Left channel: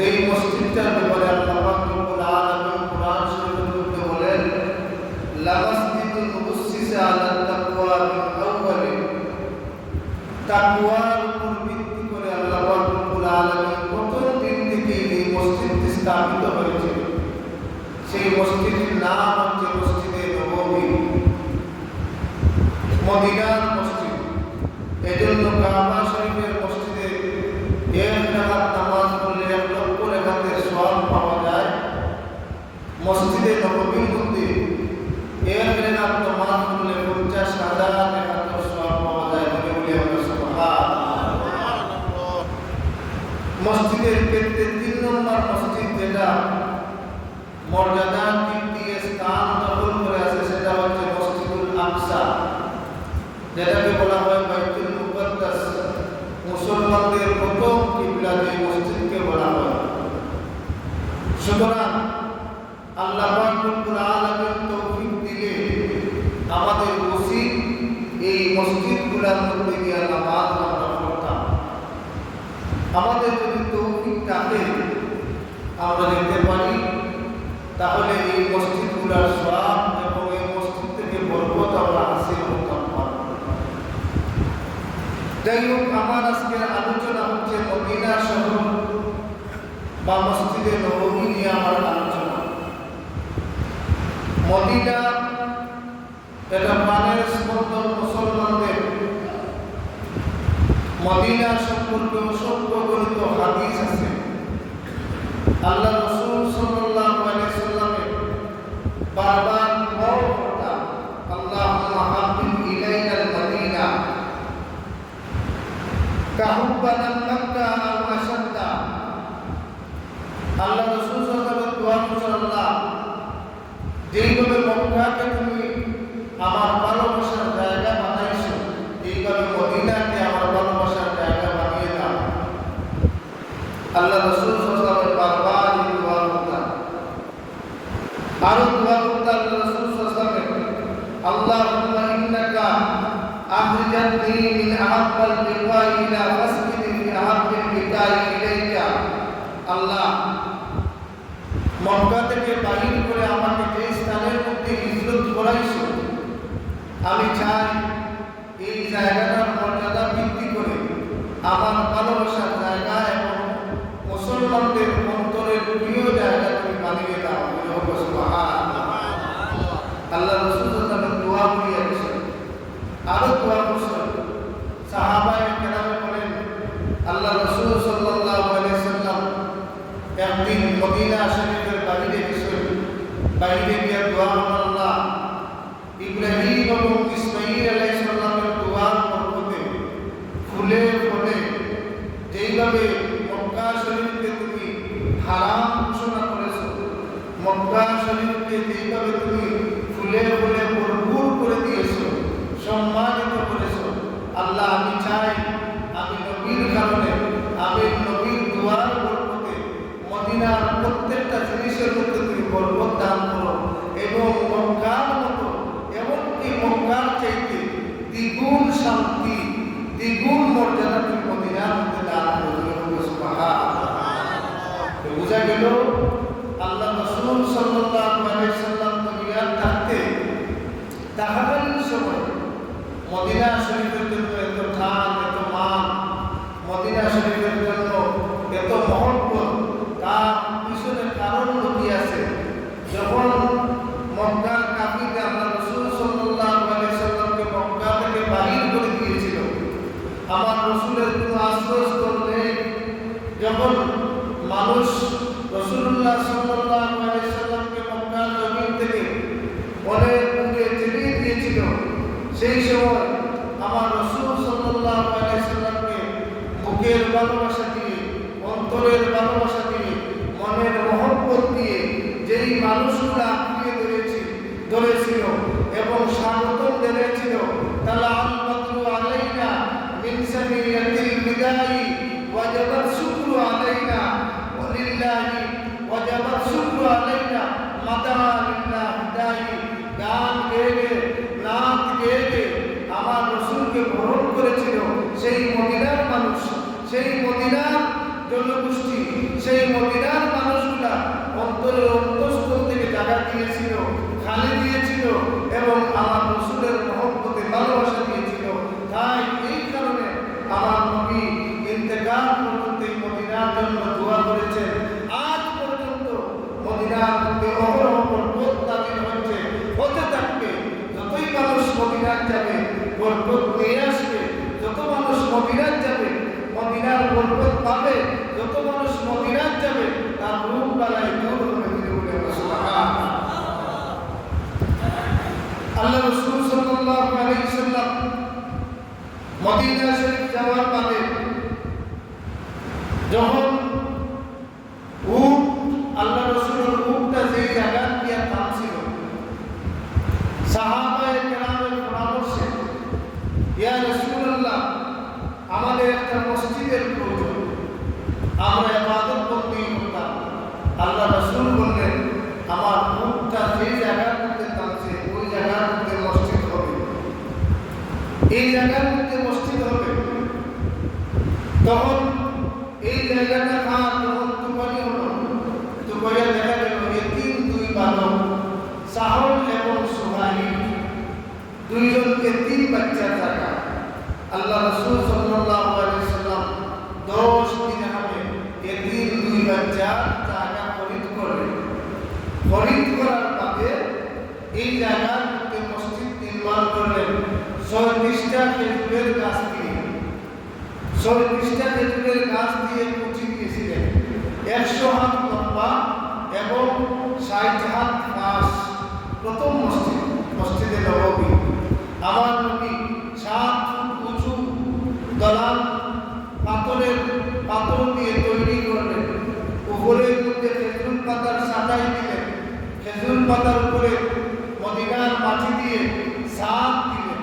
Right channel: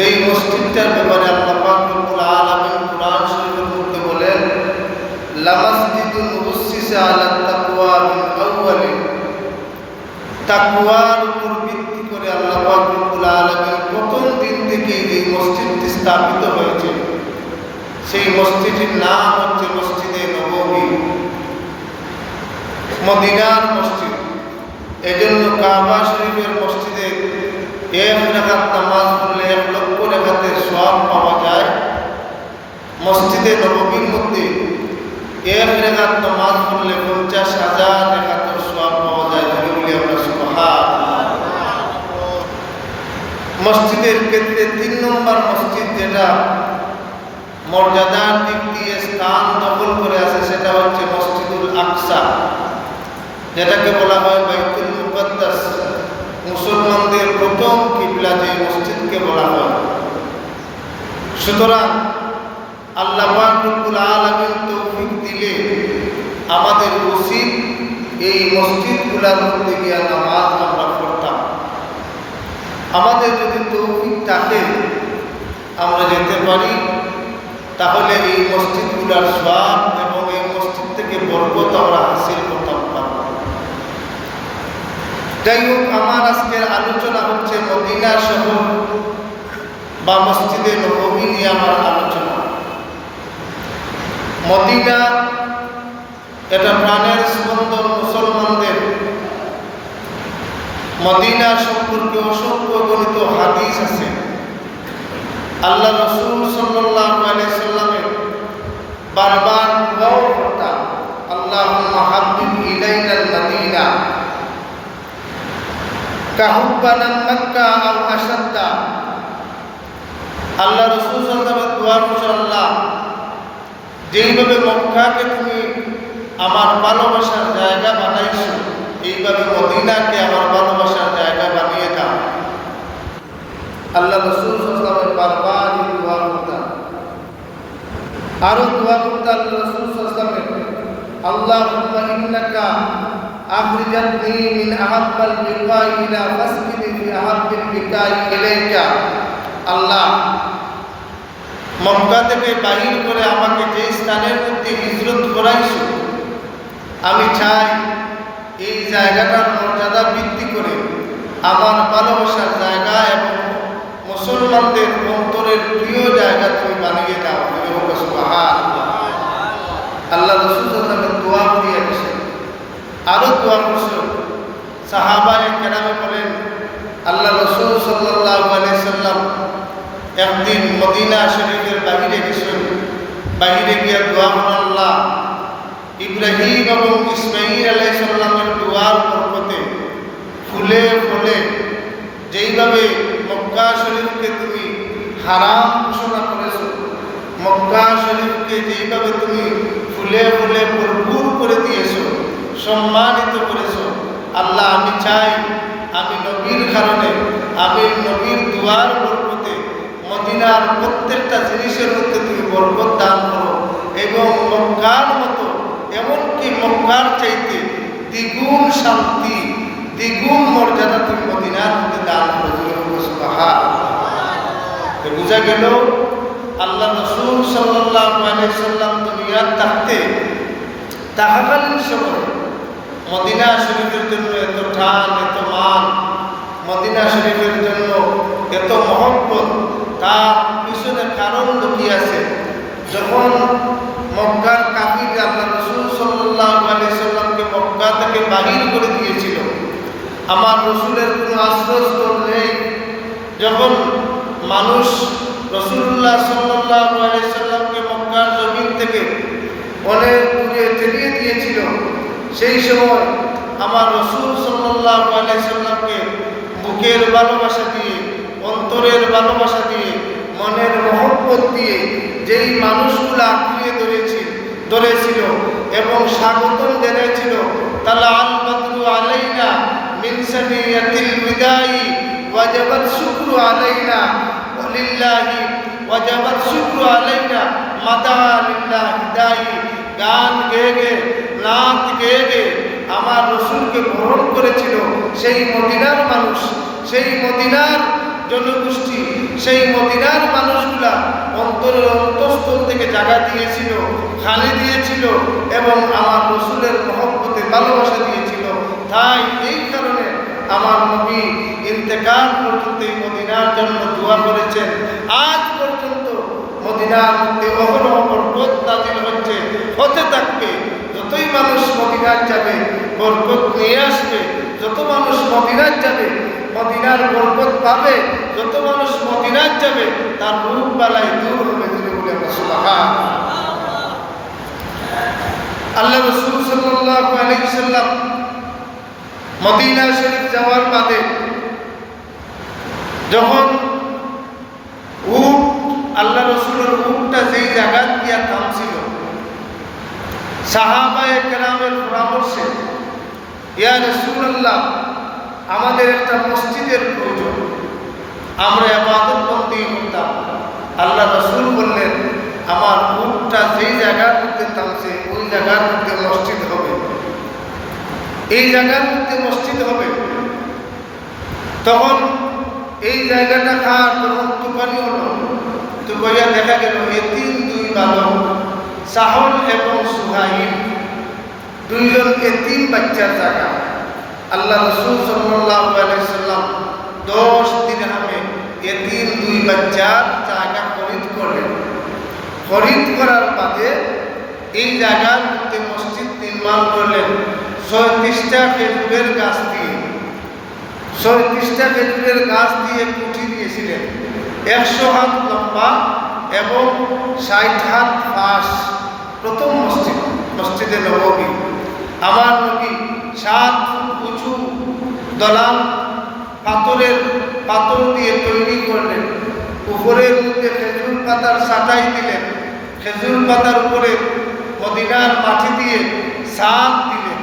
যেই মসজিদটার ব্যাপারে আল্লাহ পাক রব্বুল আলামিন কুরআন শরীফের মধ্যে বলেন, লামাসজিদুন উসসিসা আলা তাকওয়া মিন আউয়ালি, তাকওয়ার উপর ভিত্তি করে আল্লাহ পাক রব্বুল আলামিন প্রথম দিন থেকে এই মসজিদটি স্থাপিত হয়েছে। সেই মসজিদের নাম হচ্ছে মসজিদে নববী, মদিনার মসজিদ। এজন্য কাবা শরীফের মসজিদে এক রাকাত নামাজ পড়লে 1 লক্ষ রাকাতের সওয়াব পাওয়া যায়। মসজিদে নববীর মধ্যে 1 রাকাত নামাজ পড়লে 50,000 রাকাতের সওয়াব পাওয়া যায়। বলি আমরা সুবহানাল্লাহ। মসজিদের ক্ষেত্রে 3 নম্বর মসজিদ যেটা মর্যাদার দিক দিয়ে স্থান দখল করে আছে সেটা হচ্ছে মসজিদুল আকসা, যেটাকে বলা হয় বাইতুল মুকাদ্দাস। মুসলমানদের প্রথম কিবলা যে মসজিদকে বলা হয়। সুতরাং আল্লাহ পাক রব্বুল আলামিন তৌফিক দিলে আমাদের উচিত এই মসজিদগুলোর মধ্যে গিয়ে নামাজ আমরা পড়তাম। আমাদের যদি তৌফিক থাকে আমরা যেতে পারি, তাহলে এই মসজিদগুলোর সওয়াব এবং এই মসজিদ থেকে বরকত আমরা হাসিল করতাম পারব। যাই হোক, আমার আজকের আলোচনা হচ্ছে মদিনা শহর বা মসজিদে নববী নিয়ে আমার আলোচনা। মদিনা এটা প্রাণের স্পন্দন মুসলমানদের। মদিনা সম্পর্কে অসংখ্য গণিত হাদিস আছে। আল্লাহ রাসূল সাল্লাল্লাহু আলাইহি সাল্লামের বারবার দোয়া করতেন, আল্লাহুম্মা হাব্বিব ইলাইনাল মদিনা কাহুব্বানা মক্কা আও আশাদ্দা। আল্লাহ রাসূল সাল্লাল্লাহু আলাইহি দোয়া করছেন, আল্লাহ যেইভাবে মক্কাকে তুমি আমার ভালোবাসার জায়গা বানাইছো, এইভাবে মদিনাকে আমার ভালোবাসার জায়গা বানিয়ে দাও। আল্লাহ রাসূল সাল্লাল্লাহু আলাইহি বারবার এই দোয়া করতেন। আরো দোয়া করতেন আল্লাহ রাসূল সাল্লাল্লাহু আলাইহি, আল্লাহুম্মা ইন্নাকা আখরিজাতনি মিন আহাব্বাল বিকাই ইলা ফাসবিনি ফি আহাব্বিল বিকাই ইলাইকা। আল্লাহ, মক্কা থেকে বাহির করে আমাকে যে স্থানের মধ্যে হিজরত করাইছো, আমি চাই এই জায়গাটার মর্যাদা বৃদ্ধি করে আমার ভালোবাসার জায়গা এবং মুসলমানদের অন্তরের প্রিয় জায়গা তুমি বানিয়ে দাও। সুবহানাল্লাহ। আল্লাহ রাসূল সাল্লাল্লাহু আলাইহি দোয়া করিয়া গেছেন। আরো দোয়া করছেন। সাহাবায়ে কেরামে বলেন, আল্লাহ রাসূল সাল্লাল্লাহু আলাইহি সাল্লাম একদিন মদিনা শরীফের বাহিরে গেছেন। বাহিরে গিয়ে দোয়া করেন, আল্লাহ ইব্রাহিম এবং ইসমাঈল আলাইহিস সালামের দোয়ার বরকতে ফুলে ফলে যেইভাবে মক্কা শরীফকে তুমি হারাম ঘোষণা করেছো, মক্কা শরীফকে যেইভাবে তুমি ফুলে ফুলে ভরপুর করে দিয়েছো, সম্মানিত করেছো, আল্লাহ আমি চাই আমি নবীর কারণে, আমি নবীর দোয়ার বরকতে মদিনার প্রত্যেকটা জিনিসের মধ্যে তুমি বরকত দান করো এবং মক্কার মতো, এমনকি মক্কার চাইতে দ্বিগুণ শান্তি, দ্বিগুণ মর্যাদা তুমি মদিনার মধ্যে দান করো। বুঝা গেল আল্লাহ রাসূল সাল্লাল্লাহু আলাইহি সাল্লাম দুনিয়ার থাকতে তাহাকালীন সময় মদিনা শরীফের জন্য এত টান, এত মান, মদিনা শরীফের জন্য এত মহব্বত, তার পিছনে কারণ লুকিয়ে আছে। যখন মক্কার কাফির আল্লাহ রাসূল সাল্লাল্লাহু আলাইহি সাল্লামকে মক্কা থেকে বাহির করে দিয়েছিল, আমার রাসূলের কোনো আশ্রয়স্থল নেই। যখন মানুষ রাসূলুল্লাহ সাল্লাল্লাহু আলাইহি সাল্লামকে মক্কার জমিন থেকে অনেক দূরে ঠেলিয়ে দিয়েছিল, সেই সময় আমার রাসূল সাল্লাল্লাহু আলাইহি সাল্লামকে বুকের ভালোবাসা দিয়ে, অন্তরের ভালোবাসা দিয়ে, মনের মহব্বত দিয়ে যেই মানুষগুলো আঁকড়িয়ে ধরেছিল এবং স্বাগতম জানিয়েছিল, তালাআল বদরু আলাইনা মিন সানিয়াতিল বিদাই ওয়াজাবাত শুকরু আলাইনা ওয়ালিল্লাহি ওয়াজাবাত শুকরু আলাইনা মাদা লিল্লাহি দাই। গান গেয়ে গেয়ে, নাচ গেয়ে গেয়ে আমার রাসূলকে বরণ করেছিল সেই মদিনার মানুষ, সেই মদিনার জনগোষ্ঠী সেই মদিনার মানুষগুলা অন্তরের অন্তঃস্থল থেকে জায়গা দিয়েছিল, খালি দিয়েছিল এবং আমার রসুলের মহব্বতে ভালোবাসা দিয়েছিল। তাই এই কারণে আমার নবী ইন্তেকাল পর্যন্ত এই মদিনার জন্য দোয়া করেছেন। আজ পর্যন্ত মদিনার মধ্যে অহরহ বরকত নাযিল হচ্ছে, হতে থাকবে। যতই মানুষ মদিনায় যাবে বরকত নিয়ে আসবে, যত মানুষ মদিনায় যাবে মদিনার বরকত পাবে, যত মানুষ মদিনায় যাবে তার রোগ বালাই দূর হবে। বলে সুবহানাল্লাহ। আল্লাহ রাসূল সাল্লাল্লাহু আলাইহি সাল্লাম মদিনা শরীফ যাওয়ার বাদে যখন আল্লাহ রাসূলের উটটা যেই জায়গা দিয়া থামছিল, সাহাবায়ে কেরামের পরামর্শে, ইয়া রাসূলুল্লাহ, আমাদের একটা মসজিদের প্রয়োজন, আমরা ইবাদত বন্দেগি করতাম। আল্লাহ রাসূল বললেন, আমার উটটা যেই জায়গার মধ্যে থামছে ওই জায়গার মধ্যে মসজিদ হবে, এই জায়গার মধ্যে মসজিদ হবে। তখন এই জায়গাটা খাওয়ার তখন তুফানি হলো, তুফাইয়া দেখা গেল এতিম দুই বালক, সাহল এবং সুহাইল, দুইজন এতিম বাচ্চার জায়গা। আল্লাহ রাসূল সাল্লাল্লাহু আলাইহি সাল্লাম 10 দিরহামে এতিম দুই বাচ্চার জায়গা খরিদ করলেন। খরিদ করার বাদে এই জায়গার মধ্যে মসজিদ নির্মাণ করলেন 36টা খেজুরের গাছ দিয়ে। 36টা খেজুরের গাছ দিয়ে কুঠি দিয়েছিলেন, 100 হাত লম্বা এবং 60 হাত পাশ। প্রথম মসজিদ, মসজিদে নববী। আমার নবী 7 ফুট উঁচু দলান পাথর দিয়ে তৈরি করলেন। উপরের মধ্যে খেজুর পাতার ছাঁটাই দিলেন, খেজুর পাতার উপরে মদিনার মাটি দিয়ে ছাদ দিলেন,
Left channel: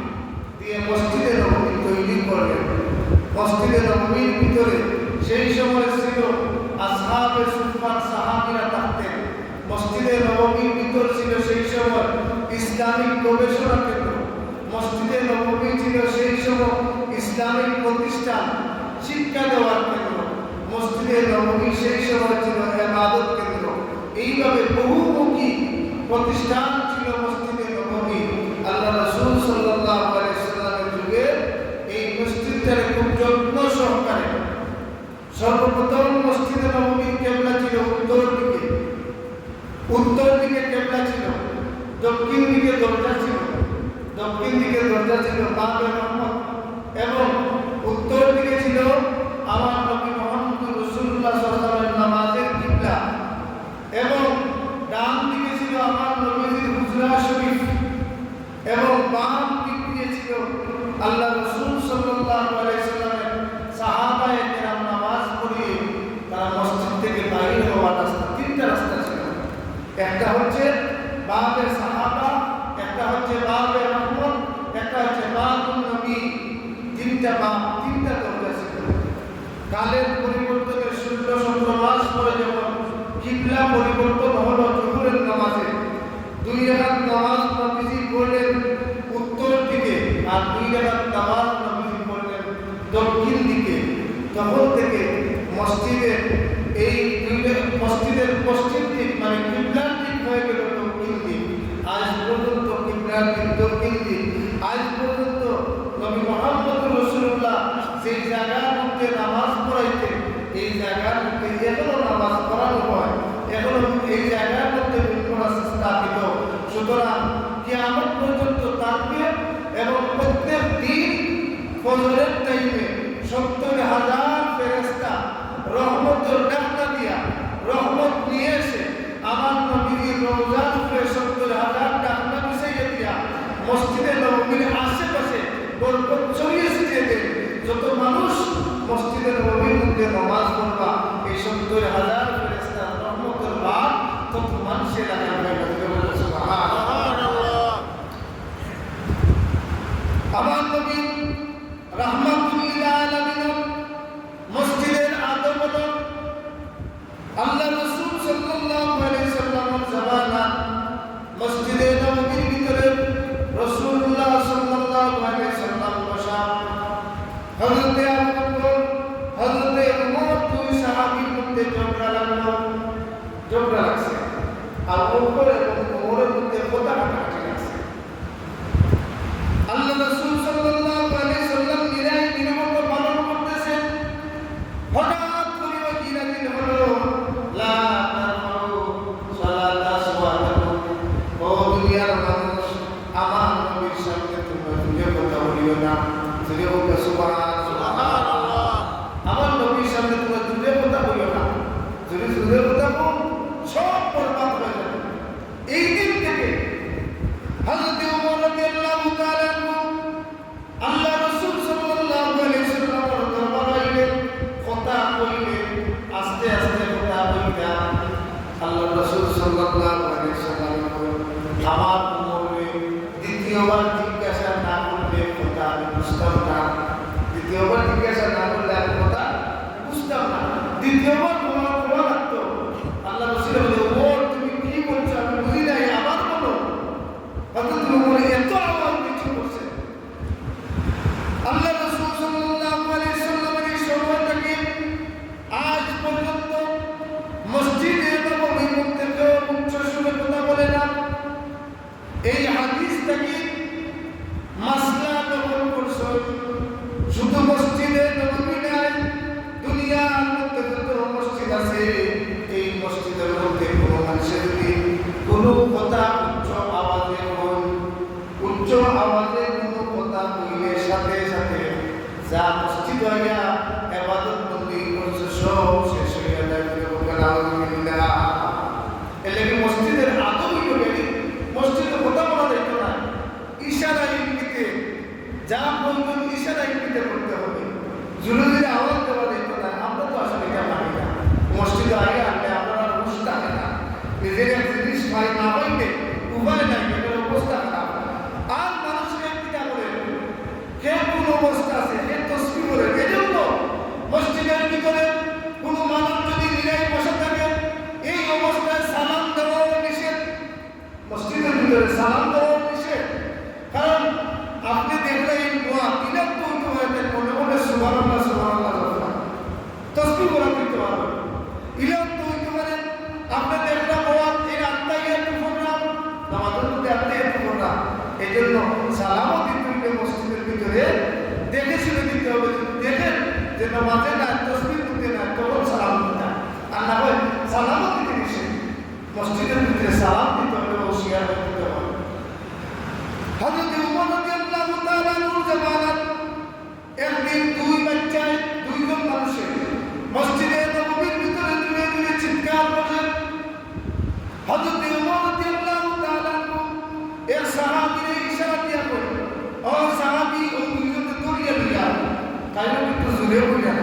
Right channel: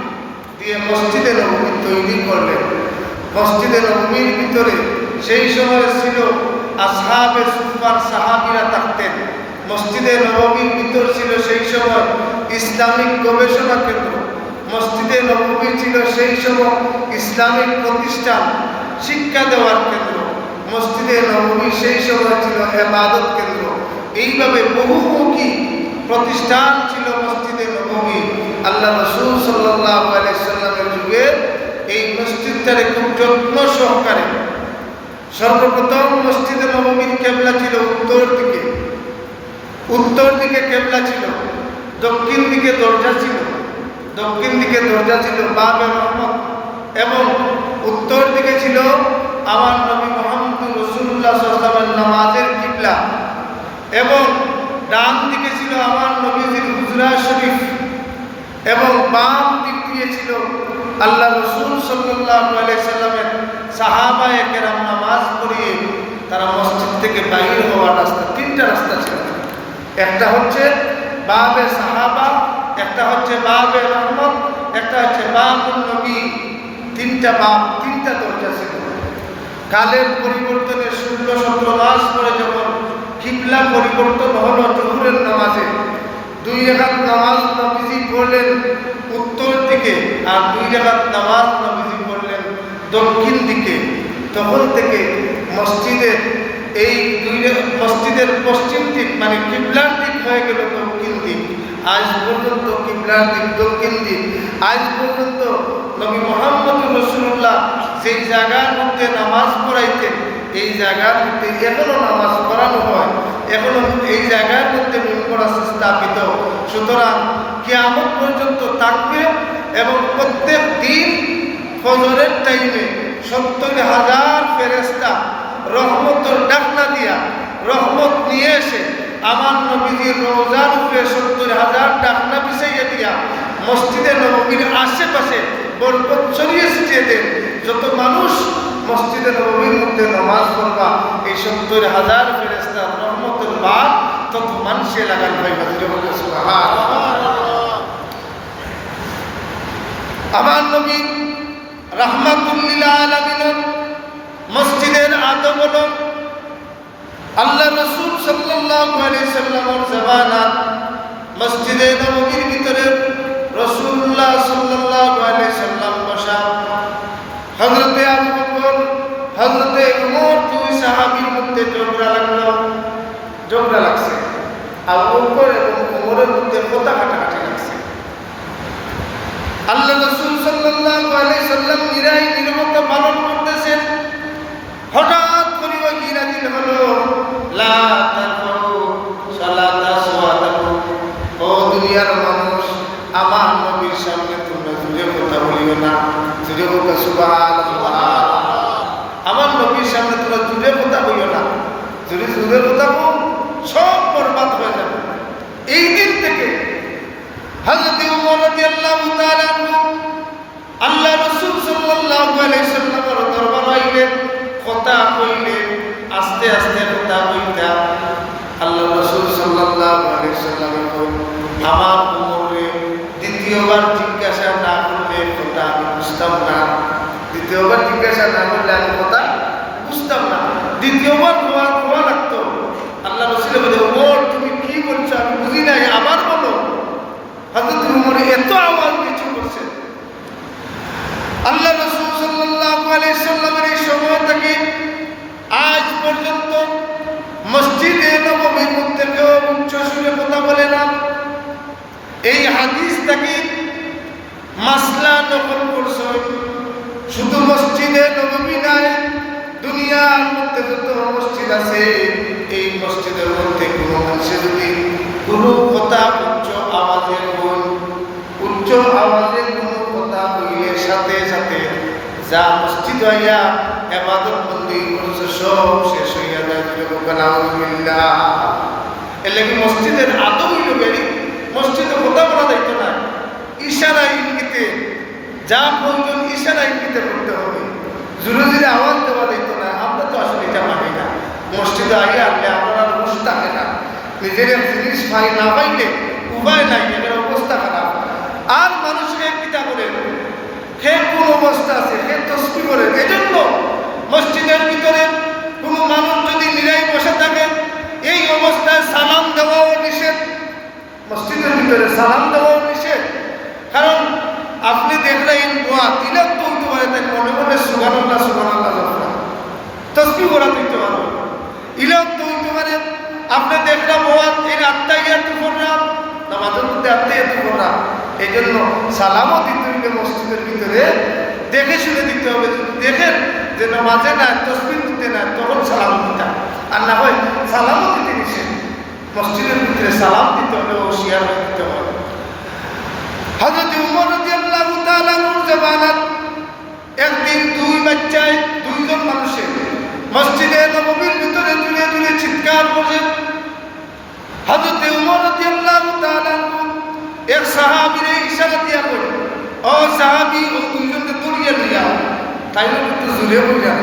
দিয়ে মসজিদে নববী তৈরি করলেন। মসজিদে নববীর ভিতরে সেই সময় ছিল আসহাবে সুফার সাহাবীরা থাকতেন। মসজিদে নববীর ভিতর ছিল সেই সময় ইসলামিক গবেষণা কেন্দ্র। মসজিদে নববী ছিল সেই সময় ইসলামিক প্রতিষ্ঠান, শিক্ষা দেওয়ার কেন্দ্র। মসজিদে নববী সেই সময় ছিল ইবাদত কেন্দ্র। এইভাবে বহুমুখী প্রতিষ্ঠান ছিল মসজিদে নববী। আল্লাহ রাসূল সাল্লাল্লাহু আলাইহি সাল্লামের যুগে এই মসজিদটারে খুব যত্ন সহকারে, সর্বপ্রথম মসজিদে নববীর কেবলা ছিল উত্তর দিকে। উত্তর দিকে কেবলা ছিল, দক্ষিণ দিকে দরজা ছিল। দক্ষিণ দিকে দরজা ছিল বাবে রহমত, এবং উত্তর দিকে ছিল আমার নবী মুহাম্মদ রাসূলুল্লাহ সাল্লাল্লাহু আলাইহি ওয়াসাল্লামের নামাজের কিবলা, এবং ডান দিকে ছিল আমার নবীজির হুজরা শরীফ, এবং বাম দিক দিয়ে ছিল আল্লাহ রাসূল সাল্লাল্লাহু আলাইহি সাল্লামের সাহাবায়ে কেরাম নামাজ পড়িয়ে তারা মসজিদ থেকে বাইরে হওয়ার রাস্তা। 3টা রাস্তা ছিল, একটা হচ্ছে বাবে সাহাবা, একটা হচ্ছে বাবে রহমত, একটা হচ্ছে বাবুন নবী। 3টা বাব, 3টা দরজা ছিল। কালের পরিবর্তনে 16-17 মাস পরে যখন কিবলা পরিবর্তন হলো জোহরের নামাজে, 2 রাকাত নামাজ নবীজি পড়লেন উত্তর দিকে, আর 2 রাকাত নামাজ নবীজি পড়লেন দক্ষিণ দিকে। তখন থেকে মসজিদের এই মসজিদের পশ্চিম দিক মানে কিবলার দিক হয়ে গেল দক্ষিণ দিক। আজ পর্যন্ত কিবলার দিক দক্ষিণ দিক। আজ পর্যন্ত নবী মুহাম্মদ রাসূলুল্লাহ যেই জায়গার মধ্যে নামাজ পড়াইতেন, এই জায়গার মধ্যে এখনো নামাজ পড়ানো হয়, এখনো এই জায়গার মধ্যে মিম্বর আছে স্থাপিত। সুতরাং কিয়ামত পর্যন্ত থাকবে, এবং প্রত্যেক দিন ফজরের টাইমে 70,000 ফেরেশতা রহমতের ডাকনা দিয়া রহমত নিয়ে এসে আমার নবীজির রওজার উপরে 70,000 ডাকনা বিছাইয়া দিয়া মসজিদে নববীর আশেপাশে বরকত ছড়িয়ে ছিটিয়ে দেন। যত মানুষ মসজিদে নববীর মধ্যে নামাজ পড়বা, এই 70,000 ফেরেশতা রহমতের বাদ তত মানুষে লাগান হইবা। আমার নবী রাহমাতুল লিল আলামিন মসজিদের আদব হলো আল্লাহ রাসূল সাল্লাল্লাহু আলাইহি সাল্লামের জামানাত মসজিদে নববীর ভিতরে রাসূলুল্লাহ সাল্লাল্লাহু আলাইহি সাল্লাম বসা, হযরতে আবু বকর, হযরতে উমর, 2 সাহাবীর মধ্যে ঝগড়া লাগছে, আর উপর এবং কোমরের মধ্যে কথা কাটাকাটি লাগছে। আল্লাহ রাসূল সাল্লাল্লাহু আলাইহি সাল্লাম নীরবতা পালন করতেছেন। হঠাৎ করে ওই নাযিল হলো, লা তারফাউ সালাতা সাওয়াতাকুম, ও দুনিয়ার মানুষ, আমার নবীর সামনে তোমরা জোরে কথা বলিও না। জোরে বলো সুবহানাল্লাহ। আমার নবীর সামনে তোমরা জোরে কথা বলিও না। জোরে কথা বল, সব বরবাদ হয়ে যাবে। এই দিন থেকে হযরত ওমর রাদিয়াল্লাহু তাআলা আনহু আল্লাহ রাসূল সাল্লাল্লাহু আলাইহি সাল্লামের দরবারে আইলেন, কথা কইলেন, আস্তে আস্তে কথা কইতা আল্লাহ রাসূল সাল্লাল্লাহু আলাইহি সাল্লামের আমার ওমরে দ্বিতীয়বার জিজ্ঞাসা না করলে কথা আমি বুঝতাম না। দ্বিতীয়বার জিজ্ঞাসা না করলে আমি কথা বুঝতাম না। দ্বিতীয়বার তোমার লাগতো। আল্লাহ রাসূল বলে, ওমর তুমি কি বলছো আমি বুঝি নাই, আবার বলো। হযরত ওমর এত আওয়াজ কিছু করছে। আল্লাহ রাসূল সাল্লাল্লাহু আলাইহি সাল্লামের এই সময় থেকে আজ পর্যন্ত মসজিদে নববীর মধ্যে কেউ উচ্চ সুরে কথা বলে না। এই হাদিস থেকে মাসলা নকল করছে। শুধু মসজিদে নববী নয়, দুনিয়ার মধ্যে যত মসজিদ আছে এই মসজিদের মধ্যে কোনো মানুষে যদি কোনো কথা উচ্চ আওয়াজে কোনো কথা বললে সাথে সাথে যা মসজিদ হইয়া ইবাদত বন্দি করছে সব শেষ হইয়া যায়। আলহামদুলিল্লাহ। এর লাগি মসজিদের আদব হইল বেরি, মসজিদে কথা বলা যাইতো না, ইশারা ইঙ্গিতে যা প্রয়োজন ইশারা ইঙ্গিতে করতে হবে। জোরে জোরে আওয়াজ দেওয়া যাইতো না। আমরা তো আসলে এটা মানি না। মসজিদে আগে আনলে আমরা আর বসে থাকে না, নিজের জিনিস পাই না পাইলে উপায় নাই, এটার অবস্থা খারাপ। আর মানুষকে কিতা করে হে কোন অবস্থা আছে, হে তসবি করে। এই জন্য মসজিদের ভিতরে কোনো মানুষ যদি নিরাই বসে থাকে এই অবস্থায় সালাম দেওয়াও নিষেধ। মসজিদের ভিতরে সালাম দেওয়াও নিষেধ। কারণ আপনি দেখলেন দোয়া তিলক তো হইতে পারে, তাই মনে মনে সুবহানাল্লাহ সুবহানাল্লাহ তসবি করা দিতে পারো, ইলক তো হইতে পারে। আপনি দেখলাম ওয়াজ এই আত্মাইয়াতু করলাম, নামাজের মধ্যে আত্মাইয়াতু করলাম। এই জন্য সালামও দিতে হইলে মসজিদের ভিতরে দেখে শুনে দিতে হবে। দেখেন যে নামাজে না তসবি দিতে না, তখন সালাম দিতাম। আর না হয় সালামও দিতে নিষেধ। মসজিদের ভিতরে সালাম দিতে হলে হুঁশিয়ার হয়ে দিতে হবে। হযরত ওমর রাদিয়াল্লাহু তাআলা আনহুর জামানাত একদিন দুইজন মানুষের মসজিদে নববীর ভিতরে জুড়ে জুড়ে চিৎকার করে। হযরত ওমর রাদিয়াল্লাহু তাআলা আনহু এক সাহাবীরে ইশারা দিয়া বলে, ও সাহাবী, ও দুইজনকে দড়িয়ে নিয়ে আও। তাই একটু জোরে বইলা,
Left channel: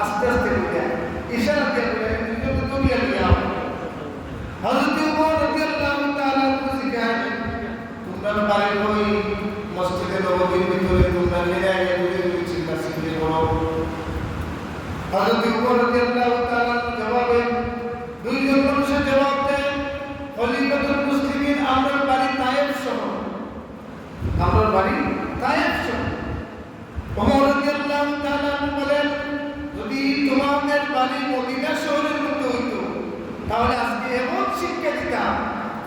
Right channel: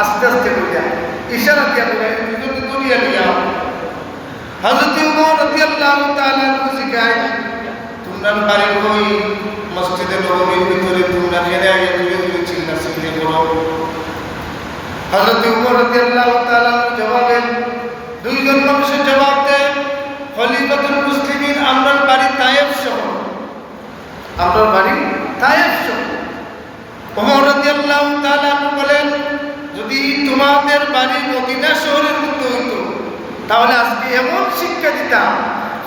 আস্তে আস্তে বইলা, ইশারা দিয়া বলে দুইজনকে দড়িয়ে নিয়ে আও। হযরত ওমর রাদিয়াল্লাহু তাআলা আনহু জিজ্ঞাসা, তোমরা বাড়ি কই? মসজিদে নববীর ভিতরে তোমরা জেনে জুড়ে জুড়ে চিল্লাচিল্লি করো। হযরত ওমর রাদিয়াল্লাহু তাআলা জবাবে দুইজন মানুষের জবাব দেয়, খলিফাতুল মুসলিমিন আমরা বাড়ি তায়েফ শহর, আমার বাড়ি তায়েফ শহর। ওমর রাদিয়াল্লাহু তাআলা বলেন, যদি তোমাদের বাড়ি মদিনা শহরের মধ্যে হতো তাহলে আজকে এমন শিক্ষা দিতাম।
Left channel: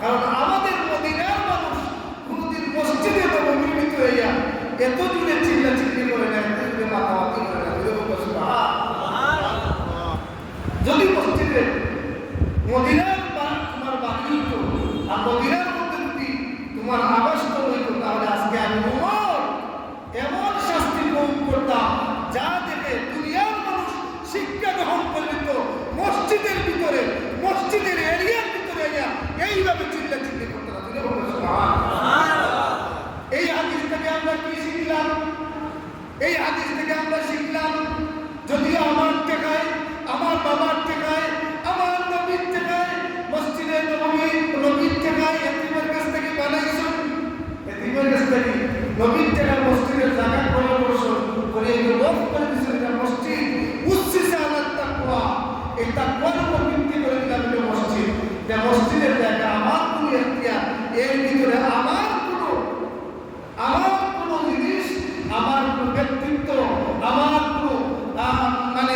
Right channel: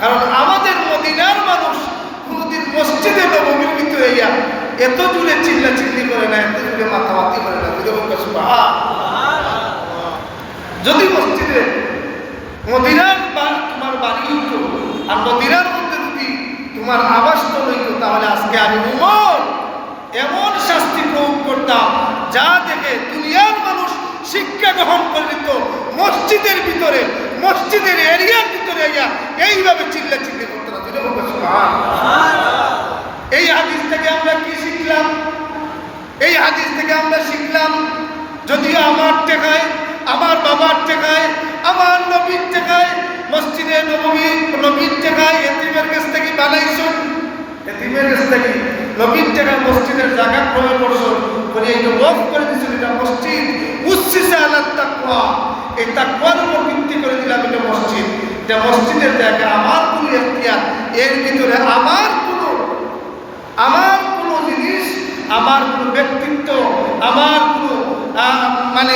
কারণ আমাদের মদিনার মানুষ কোনোদিন মসজিদে নববীর ভিতরে এত জুড়ে চিল্লাচিল্লি করে না, এত জুড়ে মাথামাতি করে না। যদি মসজিদে মদিনার তোমার বাড়ি হইতো আর মদিনার মধ্যে যদি তোমার আবাসস্থল হইতো তাহলে আজকে আমি ওমর এমন শাস্তি প্রয়োগ করতাম যা দেখে দুনিয়ার মানুষ শিক্ষা গ্রহণ করে নিত। মসজিদের ভিতরে, মসজিদের এরিয়ার ভিতরে এইভাবে চিল্লাচিল্লি করতো না। এই হাদিস থেকে আমরা কি শিখলাম? এই হাদিস থেকে আমরা শিখলাম, যদিও আমার টেকায়, আমার বাবার টেকায়, আমার নবীর টেকায়, মসজিদে নবীর টেকায় এতিমের কাছ থেকে বানাইছুন, এতিমের কাছ থেকে নবীর টেকায় মসজিদের জায়গা ক্রয় করছো, করে এইটা ওয়াকফ করে দিয়েছিল। এটা মসজিদ উচ্ছিসে আলাদ তাকওয়া, এই তাকওয়ার উপর ভিত্তি করে দিলাম এটা মসজিদ। এটা মসজিদের জায়গা, আমার কোনো এখতিয়ার, এর ভিতরে আমার কোনো জিনিস, আমার কোনো ব্যক্তিত্ব, আমার কোনো মানে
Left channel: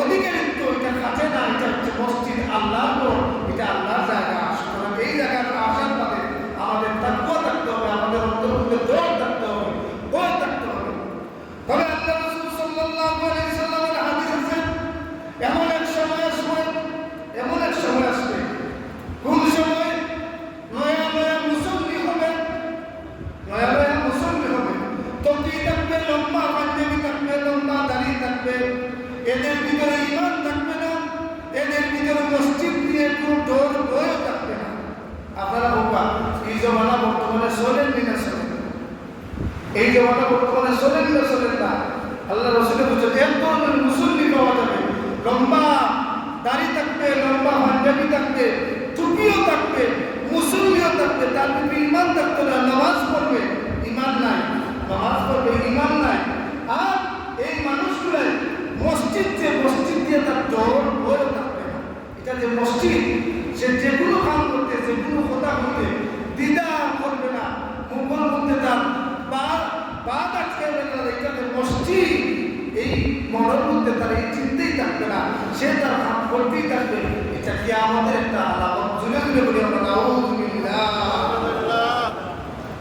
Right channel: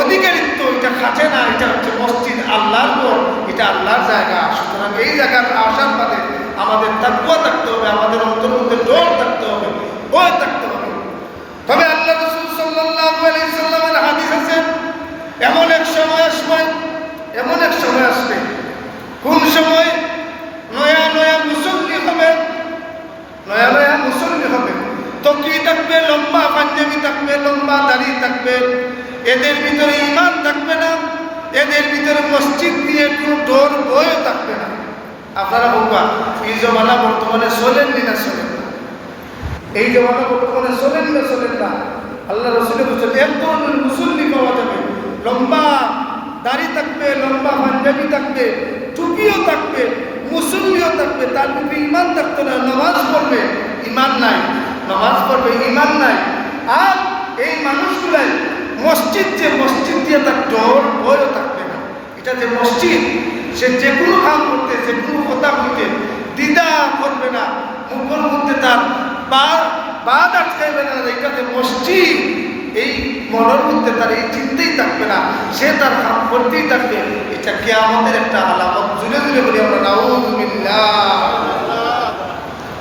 অধিকারিত্ব, এটা খাটে না, এটা হচ্ছে মসজিদ আল্লাহর ঘর, এটা আল্লাহর জায়গা। সুতরাং এই জায়গার আসার বাদে আমাদের তাকওয়া থাকতে হবে, আমাদের অন্তর মধ্যে ডর থাকতে হবে, ভয় থাকতে হবে। তবে আল্লাহ রাসূল সাল্লাল্লাহু আলাইহি সাল্লামের হাদিস আছে, এমন এক সময় আসবে, কোন সময় নয়া নয়া মুসল্লি হবে, তকরি থাকবে, লম্বা পাঞ্জাবি থাকবে, লম্বা দাড়ি থাকবে, এদের ভিতরে ঈমান থাকবে না, এদের ভিতরে মসজিদ নিয়ে কোনো ডর ভয় থাকবে না। আপনারা বলবেন এই জমানা বর্তমানে চলেন না? এই জমানা বর্তমানে চলেন না? আল্লাহ রাসূলের বলেছেন এক ধরনের মুসল্লি পাওয়া যাবে, লম্বা দাড়ি থাকবে, লম্বা পাঞ্জাবি থাকবে, টুপিও থাকবে, মুসল্লিও থাকবে, তার ভিতরে ঈমান থাকতে না, নামাজ পড়বে, ঈমান নাই, নামাজ পড়বে, ঈমান নাই। আর এই মানুষগুলাই মসজিদ দিয়ে তার ডর ভয়ও থাকবে না। এটা যে মসজিদ, সে যে কোনো কাম করতে, যে কোনো কথা বলতে দ্বিধা করবে না, মুখের মধ্যে তার বাদ আটকাইবে না। এটা যে মসজিদ, এই মনের মধ্যে তার এই চিন্তাই থাকবে না, সে তার কাম করতেই থাকবে। এটা কিয়ামতের একটা আলামত। জুড়ে বলি আমরা নাউযুবিল্লাহ।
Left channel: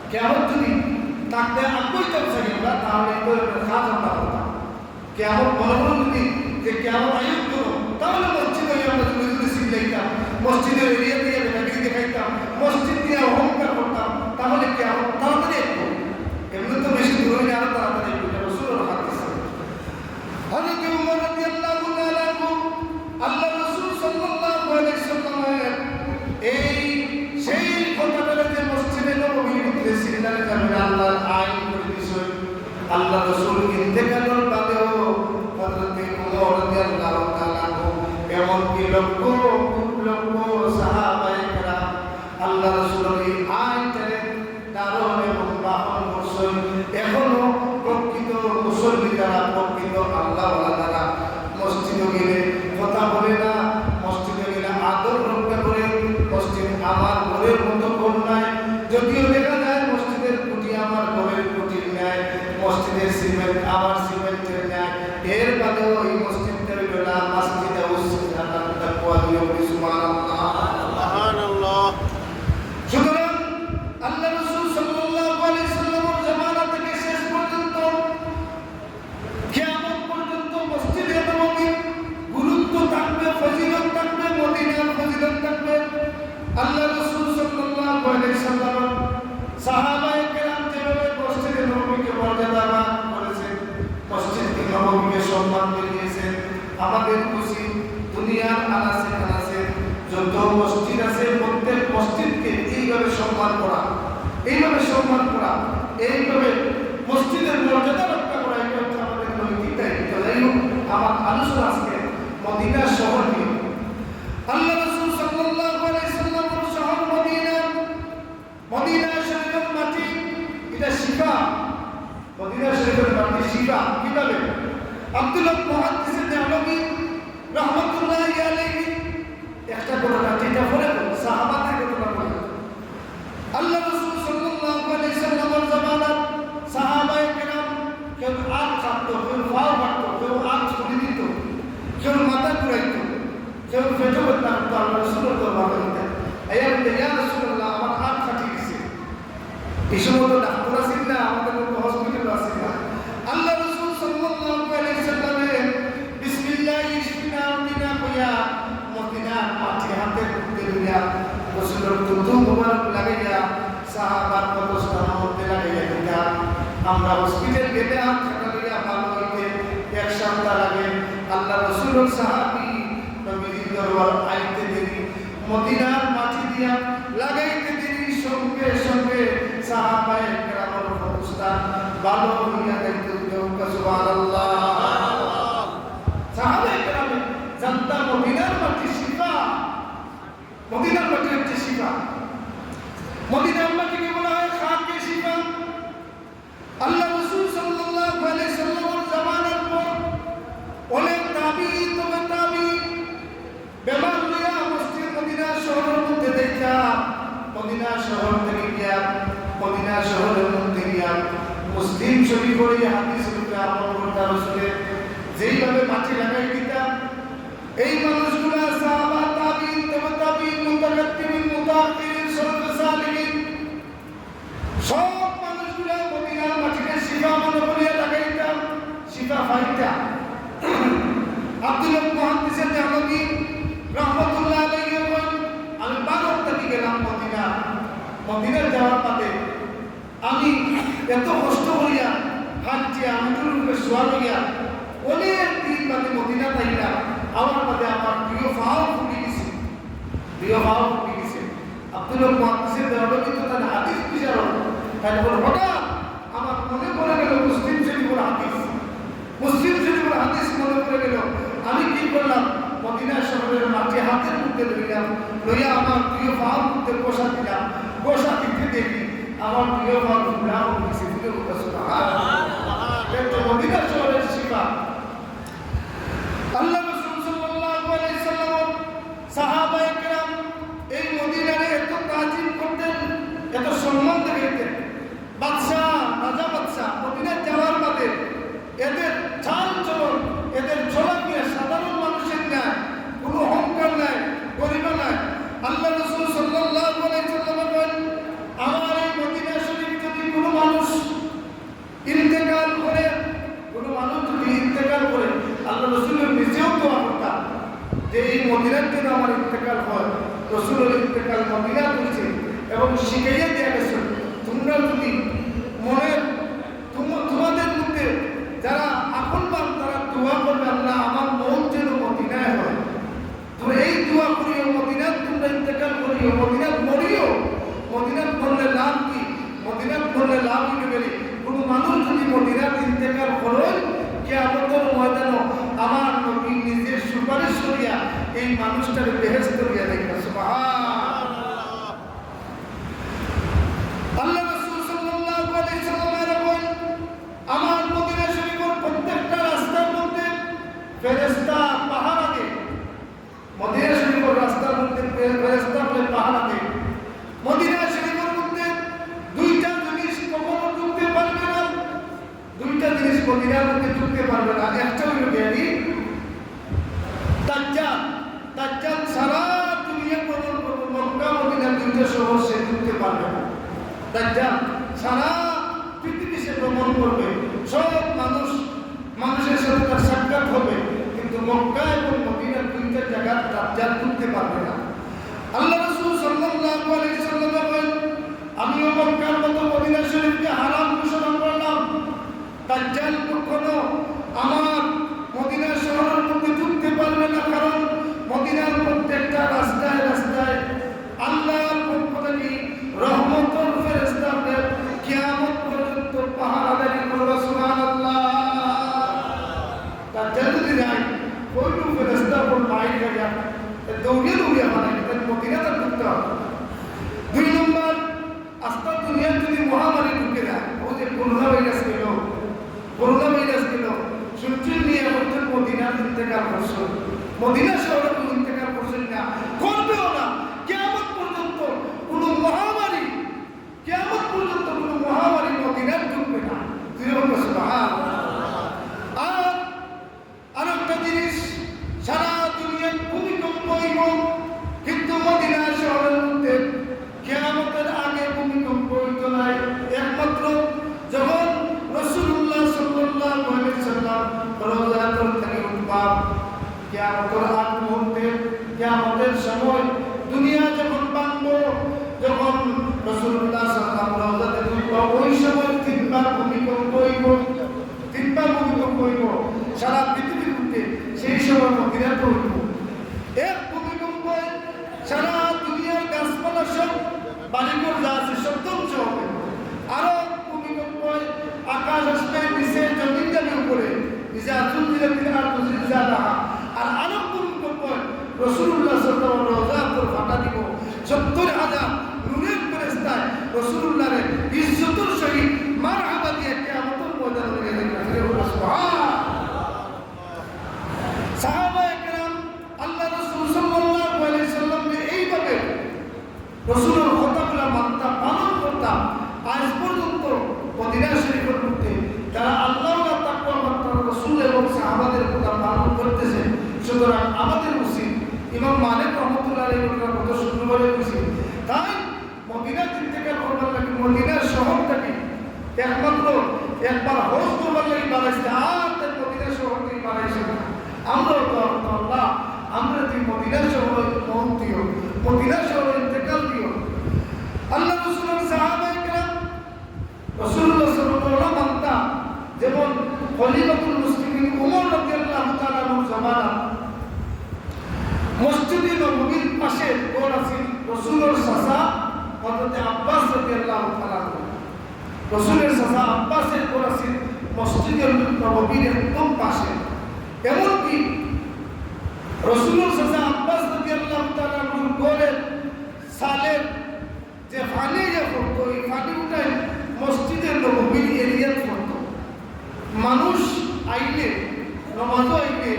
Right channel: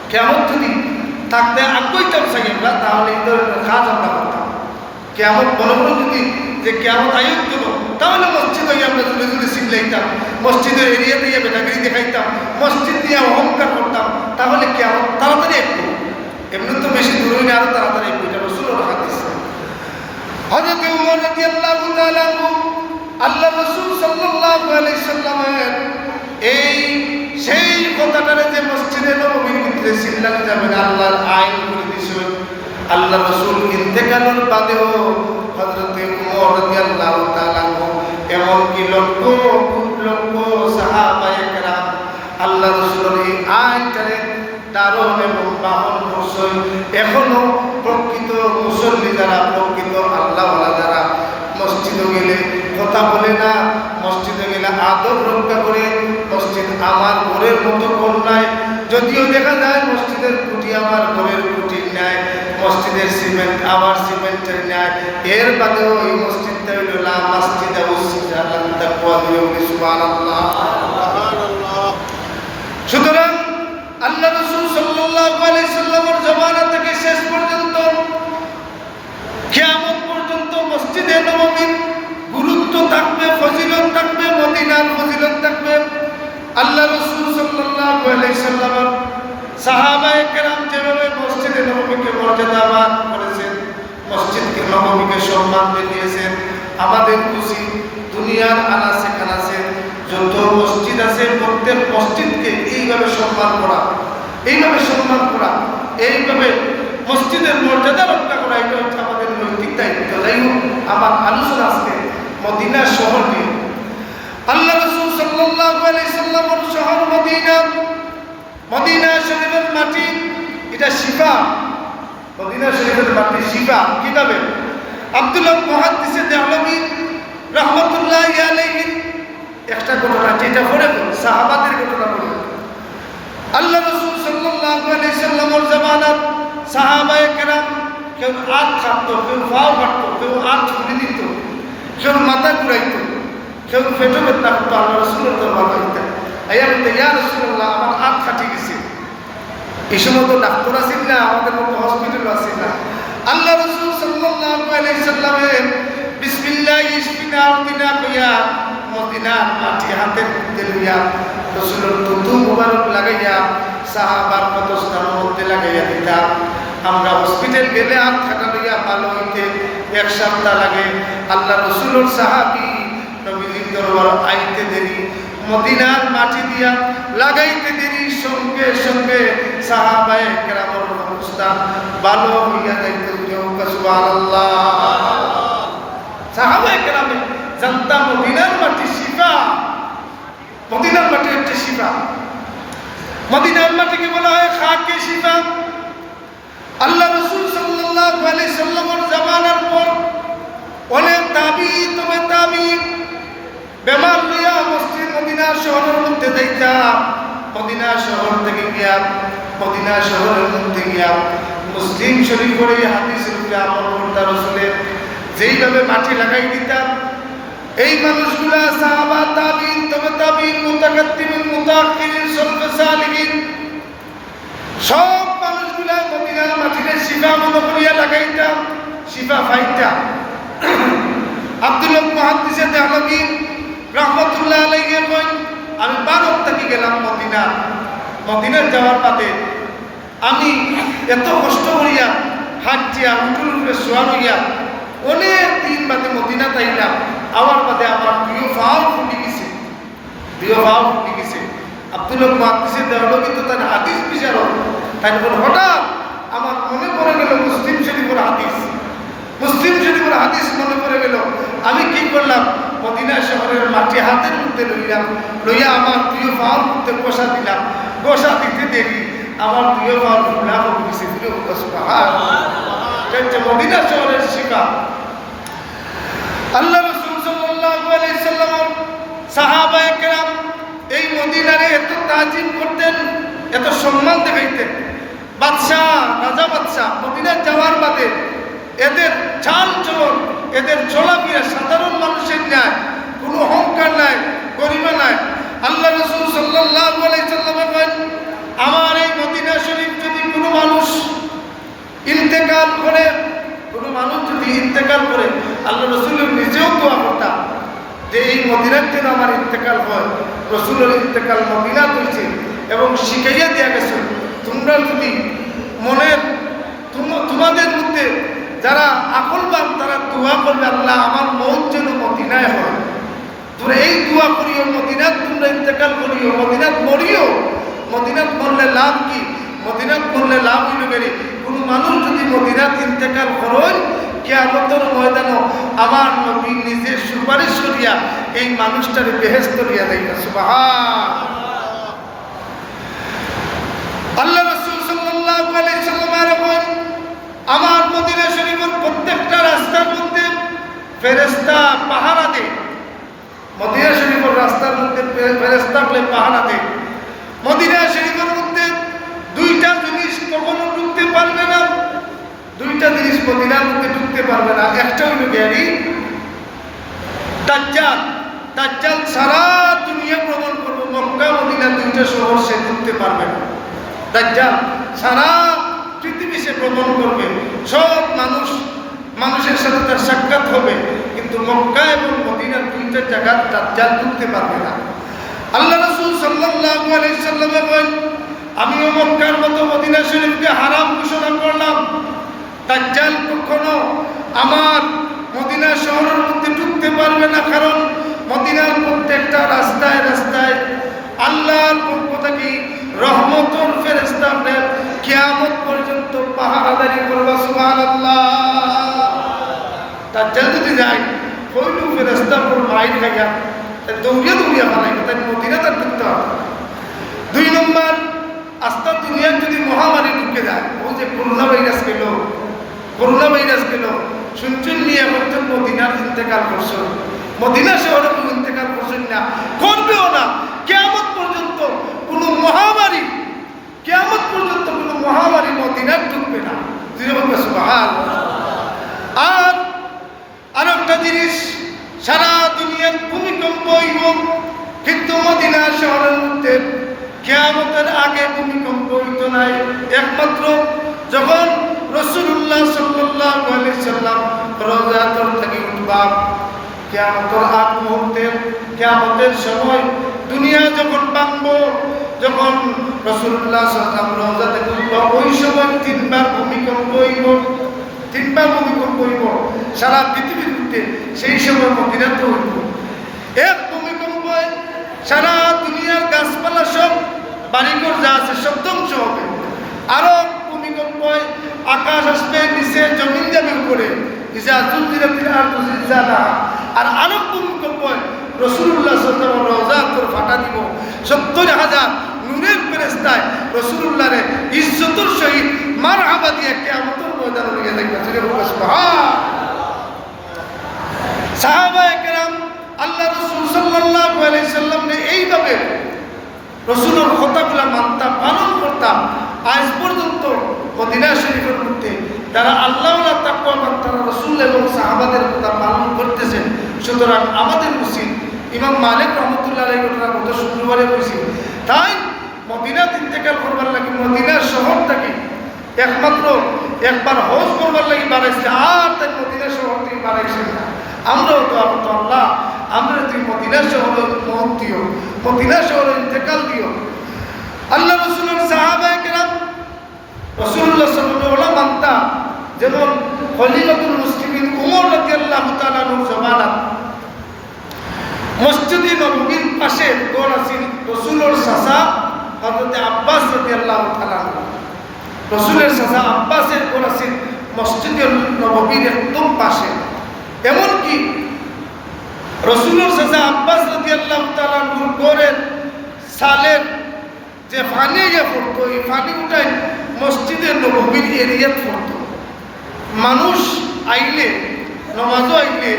কিয়ামত যদি থাকতে আগ্রহীতাম সাকিবরা, তাহলে এই ধরনের কাজ আমরা করতাম। কিয়ামত বড় যদি যে কিয়ামত আয়োগ দেব, তাহলে মসজিদ হয়ে আমরা জুড়ে শিখলাইতাম, মসজিদের এরিয়া দিয়ে বেটাগিরি দেখাইতাম, মসজিদ দিয়ে অহংকার করতাম, তাহলে কিয়ামত তাড়াতাড়ি একটু, এমনি তো বেশি দূর হইলে আরো তাড়াতাড়ি একটু। এটা রাসূলের হাদিস। হযরত ওমর রাদিয়াল্লাহু তাআলা আনহু, আল্লাহ রাসূল সাল্লাল্লাহু আলাইহি সাল্লামের এই সেই কথাটারে যে মসজিদে নববীর ভিতরে চিল্লানো যাবে না, আল্লাহর আইন করে দিয়েছে। আল্লাহ রাসূল ইন্তেকালের বাদেও হযরত ওমর রাদিয়াল্লাহু তাআলা আনহু এমনকি লক্ষ সাহাবায়ে কেরাম আল্লাহ রাসূলের এই আইনটারে দারুণ এবং বাহন করছেন। এখনো প্রকৃত মুসল্লি যারা, প্রকৃত আল্লাহওয়ালা যারা মসজিদে গেলে কথা বলে না, মসজিদে গেলে আদব রক্ষা করে, মসজিদ আমার ঘরের মতো ঘর নাই। যদিও দেখা যায় মসজিদের খুঁটি আমার ঘরের খুঁটির ন্যায়, মসজিদের সিমেন্ট আমার সিমেন্টের ন্যায়, এর বাদেও এই মসজিদটা হইল লা মসজিদা উসসিসা আলা তাকওয়া, সুবহানাল্লাহ। সুতরাং আল্লাহ রাসূল সাল্লাল্লাহু আলাইহি সাল্লামের জামানা থেকে শেষ পর্যন্ত কিয়ামত পর্যন্ত মসজিদে নববীর গুরুত্ব থাকবে, ফজিলত থাকবে, মদিনার ফজিলত থাকবে। আল্লাহ রাসূল সাল্লাল্লাহু আলাইহি সাল্লামের সাহাবায়ে কেরাম যেভাবে মসজিদে নববীকে মর্যাদাবান করেছেন, মসজিদকে নববীকে সম্মান দিয়েছেন, আমাদের উচিত দুনিয়ার আনাচে কানাচে যত মসজিদ আছে প্রত্যেক মসজিদকে এইভাবে সম্মান করা, এইভাবে মসজিদের মর্যাদা রক্ষা করা, এটা হচ্ছে আমাদের নৈতিক দায়িত্ব। যাই হোক, আমার আলোচনা আজকে মদিনা শহর নিয়ে। আল্লাহ রাসূল সাল্লাল্লাহু আলাইহি সাল্লামের শহর মদিনা শরীফের মাটি, এটা শিফা। মদিনা শরীফের মাটি শিফা। কিভাবে? আব্দুল্লাহ মুহাদ্দিস দেহলভী রাহমাতুল্লাহি আলাইহি একটা ঘটনা, যেটা পড়ে সাহাবাদের ঘটনা বলে। আল্লাহ রাসূল সাল্লাল্লাহু আলাইহি সাল্লামের জামানাত সাহাবায়ে কেরাম কেউ হাত কাঁপতো, কেউ পাও কাটতো, কেউ হাত ছুটি দিত, কেউ মাথা ঘুরাইতো, কেউ পেটে ব্যথা করতো। আল্লাহ রাসূলের দরবারে যেতেন, আইয়া বলতে, ইয়া রাসূলুল্লাহ, আমার হাত কাটি গেছে। এই সময় তো ডাক্তার আছেন না, আমাদের মতো হসপিটাল আছেন না। আল্লাহ রাসূল সাল্লাল্লাহু আলাইহি সাল্লামের বিসমিল্লাহ ইশফিনা আরদিনা কইয়া মদিনার মাটি হাতের মধ্যে লইয়া রাসূলের দুধু মুবারক লাগাইয়া সাহাবার পদস্থানের মধ্যে লাগাইয়া দিতাম। আমরা হসপিটাল গেলে হাত খাটা লইয়া ভালো হইতে 1 সপ্তাহ লাগে। আল্লাহ রাসূলের সাহাবী নবীজির দরবার আইতে দেরি, মদিনার মাটি দিয়া লাগাইতে দেরি, সঙ্গে সঙ্গে সাহাবায়ে কেরামের অবস্থা ভালো হইয়া যাইত। সুবহানাল্লাহ। সাহাবায়ে কেরামে জানতাম মদিনার মাটি শিফা, মদিনার মাটি হচ্ছে শিফা। মদিনার মাটিকে বলা হয় খাকে শিফা। আল্লাহ রাসূল সাল্লাল্লাহু আলাইহি সাল্লামের জামানার পর অনেক তাবিঈন, তবে তাবিঈন বেমার লইয়া মসজিদ মদিনা শহরের মধ্যে যাইতা। মদিনা শহর থেকে গিয়া, মদিনা শহরের মধ্যে গিয়া মুসলিম শরীফের হাদিস রূপে আমল করতা। রাসূলের যেইভাবে মাটি লাগাই দিতাম এই মানুষগুলা সাহাবা, তাবিঈন, তবে তাবিঈন, মুতাকাদ্দিমিন, মুতাআখিরিন, সালফে সালিহিন, সব মানুষগুলা মদিনার মাটিতে শিফা মনে করিয়া লাগাইতাম, শিফা পাইতা। আব্দুল হক মুহাদ্দিসে দেহলভী রাহমাতুল্লাহ আলাইহি কই, আমি ভারত থেকে গেলাম মদিনার যাওয়ার পথে আমি এত কষ্ট করিয়া হাঁটিয়া উঠুর উপরে শোয়া হইয়া অনেক দিন বাদে মদিনা তাইলাম। আমার বাদে আমার প্রিয় ভাও ফুটে গেছে, আব্দুল হক মুহাদ্দিসে দেহলভী তো তার হাদিস বিচারক, তাই বলে হঠাৎ আমার মনে পড়ে গেল মুসলিম শরীফের হাদিস মনে পড়ে গেল। আমি কি করলাম, মদিনা শহরের মাটি হাতের মধ্যে লইয়া আমার প্রিয় ভাওর মধ্যে গোসা দিলাম। গোসা দিতে দেরি আমার প্রিয় ভাওর ভুলা হয়ে গেছে। মদিনা শহরের শিফা। আল্লাহ রাসূল সাল্লাল্লাহু আলাইহি সাল্লাম, সাহাবায়ে কেরাম এই মদিনারে এত তাজিম করতেন, এত সম্মান দেখাইতেন। রাজা বাদশাহ মদিনায় যাওয়ার বাদে এদের চাল চলন, এদের চলাফেরা সাধারণ মানুষের ন্যায়, কোনো অহংকার নাই, গরিমা নাই। আল্লাহ রাসূল সাল্লাল্লাহু আলাইহি সাল্লাম বলেন, আমার এই মদিনা শরীফ যদি কোনো মানুষ ইন্তেকাল করে, আল্লাহ রাসূল নিজেও দোয়া করতাম যে এই মদিনার জন্য আমার ইন্তেকাল হয়। রাসূলের ইন্তেকাল মদিনা হয়েছে এবং শিখাইয়া দেওয়া গেছে, তোমরা যদি তোমাদের মধ্যে যারা আকলবান তারা দোয়া করবে, আল্লাহ আমার মৌত যেন মদিনায় হয়। তোমরা এই দোয়া করিও, মদিনাত তোমরা ইন্তেকাল করিও, মদিনাত মরিও। মদিনাত মরলে লাভ কি? মদিনাত মরলে লাভ হইল বেরি। কোনো মানুষ যদি মদিনাত ইন্তেকাল করেন, কিয়ামতের ময়দানে আমার নবী নিজে সুপারিশ করিয়া এই মানুষটার বেহেশত দিয়া দেয়। সুবহান আল্লাহ রাসূল সাল্লাল্লাহু আলাইহি সাল্লাম বলেন, আমার মদিনা শরীফের প্রত্যেকটা রাস্তার মধ্যে ফেরেশতা পাহারা দেয়। মদিনা শরীফের রাস্তার মধ্যে ফেরেশতাগুলো পাহারা দেয়। মদিনা শরীফের মধ্যে দুইটা জিনিস কখনো ঢুকতে পারবে না, দুইটা জিনিস মদিনার মধ্যে ঢুকতে পারবে না। একটা হলো গ্যারি দাজ্জাল। দাজ্জাল সারা দুনিয়া ভ্রমণ করবে, মক্কা মদিনা দুইটা শহর সে ঢুকতে পারবে না। দাজ্জাল সারা পৃথিবী সে ভ্রমণ করবে, সব মানুষের সাথে তার সাক্ষাৎ হবে, কিন্তু মক্কা এবং মদিনার দুইটা জায়গা দাজ্জাল ঢুকতে পারবে না। আল্লাহ রাসূল সাল্লাল্লাহু আলাইহি সাল্লাম বলেন, আমিও মক্কার মতো মদিনা শরীফকে হারাম ঘোষণা করলাম। দাজ্জাল কখনো আমার মদিনা শহরের মধ্যে ঢুকতে পারবে না, কারণ মদিনার প্রত্যেকটা রাস্তায় রাস্তায় আল্লাহর পক্ষ থেকে রহমতের ফেরেশতারা কিয়ামত পর্যন্ত পাহারাদারি করবে। সুবহানাল্লাহ। দাজ্জাল যদি যায় কইলু ফেরেশতা পর মাইর খাইয়া দৌড়িয়া বানাইবে, তাই মদিনা তার ঢুকতে হবে। 2 নম্বর, আস্তা দুনিয়ার যদি মহামারী ঢুকে যায়, ও যে করোনা ভাইরাস গেল শুনছেন নিয়ে বলছেন মদিনার ইন্তেকাল করছো, মদিনা শহরে কোনো ইন্তেকাল করছেন না, করবেও না। কিয়ামত পর্যন্ত কোনো মহামারী মদিনার ঢুকবে না। আর একটা জিনিস, সারা দুনিয়ার ভূমিকম্প হইব, কিন্তু মদিনা শহরের মধ্যে কিয়ামতের আগে ভূমিকম্প হইত নাই। একমাত্র যখন রাসূলুল্লাহ সাল্লাল্লাহু আলাইহি সাল্লাম রওজাতুল থেকে উঠবা, কিয়ামতের আগ মুহূর্তে, কিয়ামতের সময় দুনিয়া যখন ভাঙবো, যখন রাসূলুল্লাহ সাল্লাল্লাহু আলাইহি সাল্লাম রওজা থেকে উঠবা, ওই সময় 3 বার ভূমিকম্প হইব। সারা পৃথিবীর মধ্যে সেই সময় মদিনাতে হইব। এক ভূমিকম্প সারা দুনিয়ার গাছপালা সব বাড়িঘর যা আছে সব ধ্বংস হবে। আরো ভূমিকম্প আকাশ আসবে, নিচে জমিন যাবে উপরে, আর আরো ভূমিকম্প রাসূলুল্লাহ সাল্লাল্লাহু আলাইহি ওয়াসাল্লাম ফাটা দিব। 70,000 নূরের ফেরেশতায় রাসূলুল্লাহরে ইজ্জতের সহিত মারহাবা দিয়ে কিয়ামতের ময়দানে নিয়ে দেখবে। সুবহান। সাহাবায়ে কেরাম আল্লাহ রাসূল সাল্লাল্লাহু আলাইহি সাল্লামকে এইভাবে রাসূলের কথাগুলো মানতাম, পালন করতাম। আজ পর্যন্ত মদিনা শরীফের মধ্যে তারা আল্লাহ তাকওয়াবান, তারা রাসূল এবং সাহাবাদের কথা পালন করতেছেন। সুতরাং আমাদের উচিত, ইমাম মালিক রহমতুল্লাহ আলাইহি ঘটনা কত সুন্দরভাবে বলছি, তাই মদিনা ইন্তেকাল করবার লাগে মদিনা শহর থেকে একমাত্র একবার হজ করবার লাগে বাড়াইছে, আর তাই মদিনা শহর থেকে বাড়াইছে না। আমরাও তো আল্লাহ, আমরা তুই মদিনা শহর মত দিও, মদিনা শহর ইন্তেকাল দিও। আল্লাহ রাসূলের সাহাবায়ে কেরাম রাসূলুল্লাহ সাল্লাল্লাহু আলাইহি ওয়াসাল্লাম যেমন খলিফাতুল মুসলিমিন ওমর রাদিয়াল্লাহু তাআলা আনহুর জামানাত মসজিদে নববীর পাশে ঘর আছে রাসূলের চাচা হযরত আব্বাস রাদিয়াল্লাহু তাআলা আনহু, রাসূলের চাচা আব্বাসের ঘর আছে মসজিদে নববীর একদম পাশে। এমনকি রাসূলের চাচা আব্বাস রাদিয়াল্লাহু তাআলা আনহুর ঘরের সালের যে পানি পড়তো, এই পানি উঠাই মসজিদে নববীর এরিয়াত পড়তো। মানুষ আইলে, নামাজও আইলে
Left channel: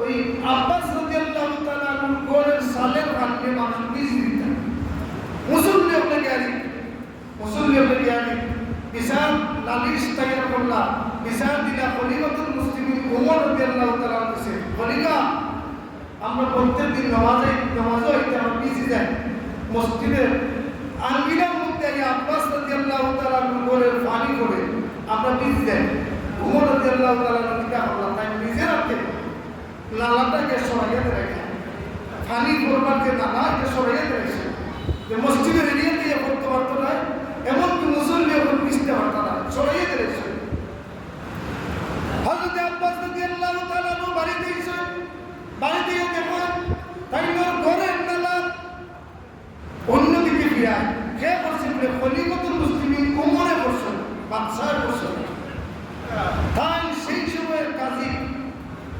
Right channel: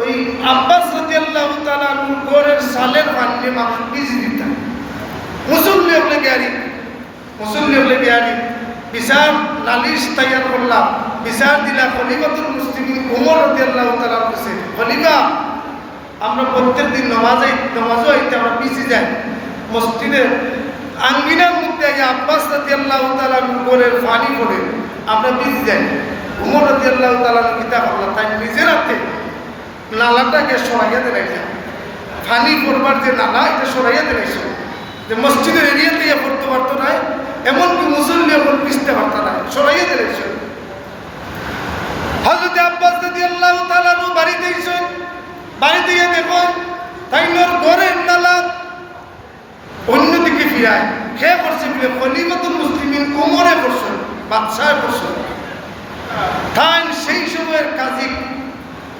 ওই আব্বাস রাদিয়াল্লাহু তাআলা আনহুর ঘরের সালের পানি মানুষ ভিজি দিতেন। মুসল্লি হলে গিয়ারি, মুসল্লি হলে গিয়ারি বিচার নালিশ তৈয়ার করলাম, বিচার দিলা খলিফাতুল মুসলিমিন ওমর রাদিয়াল্লাহু তাআলা কাছে, খলিফা আমরা প্রত্যেক দিন নামাজও আইতে আমরা ভিজি যাই, মসজিদে আঙ্গিনার মধ্যে আব্বাস রাদিয়াল্লাহু তাআলা ঘরের পানি পড়ে আমরা ভিজি যাই। ওমর রাদিয়াল্লাহু তাআলা কিতা করলাম, তাই নিজের হাতে নালাটাকে সরাইয়া দিলাইছে, পানি পড়বার যে নালা এটা সরাইয়া দিলাইছে, যে মসজিদের এরিয়াতে পড়তে পারতো না, এমনকি মুসল্লি এখন ভিজতে পারতো না, সরাইয়া দিলাইছে। হযরত আব্বাস রাদিয়াল্লাহু তাআলা বাড়িতে এসে বাড়িতে গিয়ে দেখুন তাই ঘরের নালা অন্যদিকে ফিরায়, খেয়ে করছে বলে খলিফাতুল মুসলিমিন ওমরে করছেন, বাদশাহ করছেন। তাই সেই সময়ের কাজী